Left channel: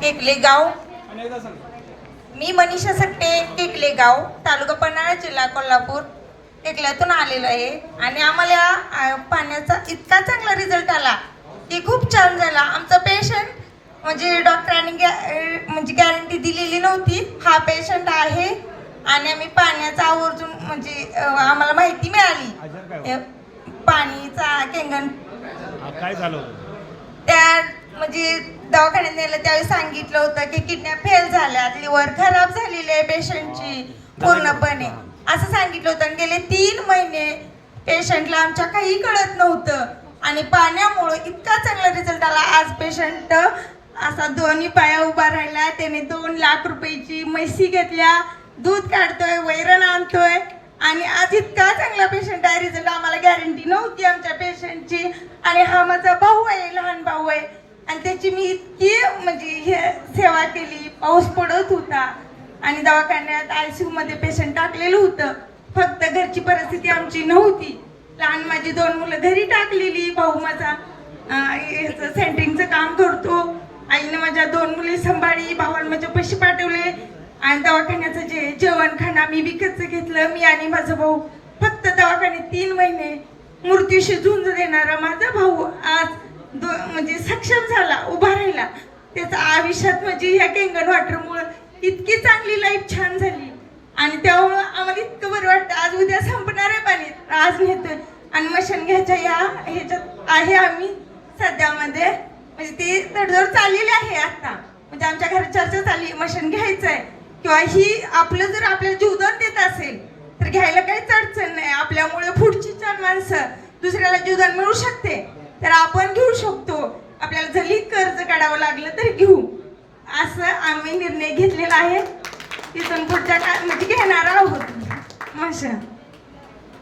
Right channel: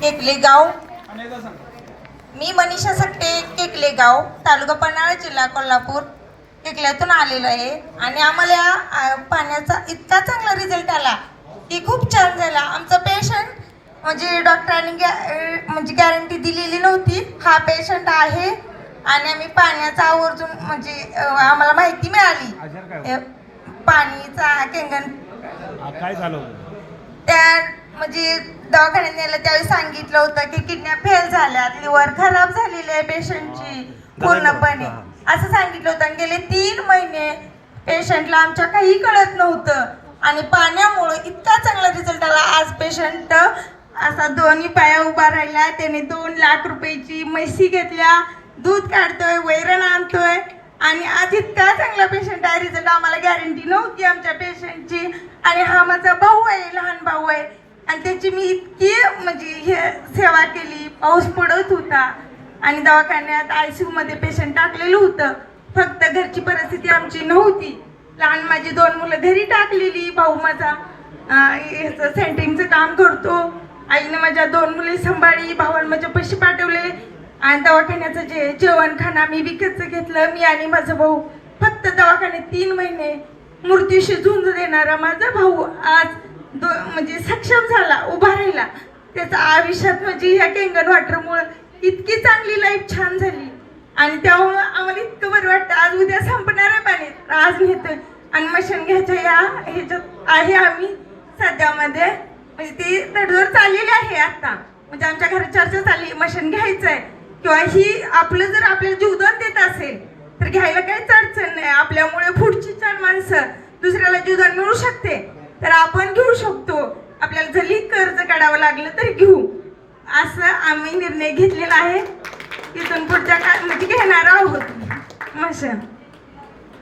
केकले गाव। मी मनीषा सक्टे, केकले गाव, तालुका पन्हाळा, जिल्हा कोल्हापूर, केकल्यातून आलेलो आहे आणि आम्हाला या पाण्याचा इतका चांगला रिझल्ट आला की खूप छान झाला। आमचा पेशंट म्हणजे डॉक्टरांनी म्हणजे गॅरंटी दिलेली नव्हती, हा पेशंट आहे आणि आम्ही पाण्याचा आवर्जून म्हणजे आम्हाला माहिती मिळाली पाणीचा केंगण काय झालं होतं त्या म्हणजे दवाखान्यात नेलं त्यावेळी सांगितलं होतं की किडन्या फेल झाल्यात, लिव्हर खराब झालेली आहे पेशंटची पूर्णपणे असं सांगितलं होतं। आणि गेले 3 महिने पेशंटला आमच्या काही कळत नव्हतं आणि पाण्यामुळे इतका चांगला रिझल्ट आला। आज पेशंट असा दोन्ही पाया उभा राहिला, त्याने 2 लाख रुपयाची म्हशी घेतल्या, दूध काढतोय, वैरण आणतोय आणि आज इतका चांगला पेशंट आहे। रिझल्ट आम्हाला गॅरंटी नव्हती आमच्या पेशंटची आणि हा माझा भाऊ आहे, लहान भाऊ आहे आणि त्याची मी इतकी म्हणजे हे सेवा केली। पाऊस पडत होता आणि दवाखान्यात ICU मध्ये पेशंट टाकलेलं होतं, फक्त घरची परिस्थिती आमची नव्हती। लहान माझी 2 मुलं घरी टाकलेली, भाऊ माझा सेंटरिंगचं काम करतो, आईने माझ्या 2 मुली सांभाळली, भावाला माझ्या पैसे पाठवले आणि दवाखान्याचं जेवण खाणं मी विकतचं घेतलं। मी आणि माझा भाऊ फक्त दवाखान्यात 3 महिने मृत्यूशी झुंज देणारा माझा भाऊ आज म्हणजे सक्षम झाला, उभा राहिला। त्याचा आयुष्यात म्हणजे ह्या केंगण वॉटरमुळे इतकी चांगली लाईफ छान झाली आणि त्यामुळं आम्हाला इतकं बरं वाटतं। आज उद्या संपणार आहे पाणी, आज नेतोय आणि मशीन घ्यायच्या ह्याच्यात आहे आम्ही सध्यामध्ये, म्हणजे ती तडजोड चाललेली आहे आता, म्हणजे आमच्या घरात चर्चा चालली मशीन घ्यायचं आहे किंवा ही आपलं जर आपल्याला जीवदान देत असेल तर घ्यायला काहीच अडचण नाही। आपल्यामुळे पुढची 4 माणसं दुसऱ्याला जीवदान मिळू शकते तर आपण घेऊ शकतो, आपल्याला जरी कर्ज काढावं लागलं तर घेऊ, असं आम्ही निर्णय घेतलेला आहे। तिथून पुढच्या म्हणजे घेणार आहोत मशीन।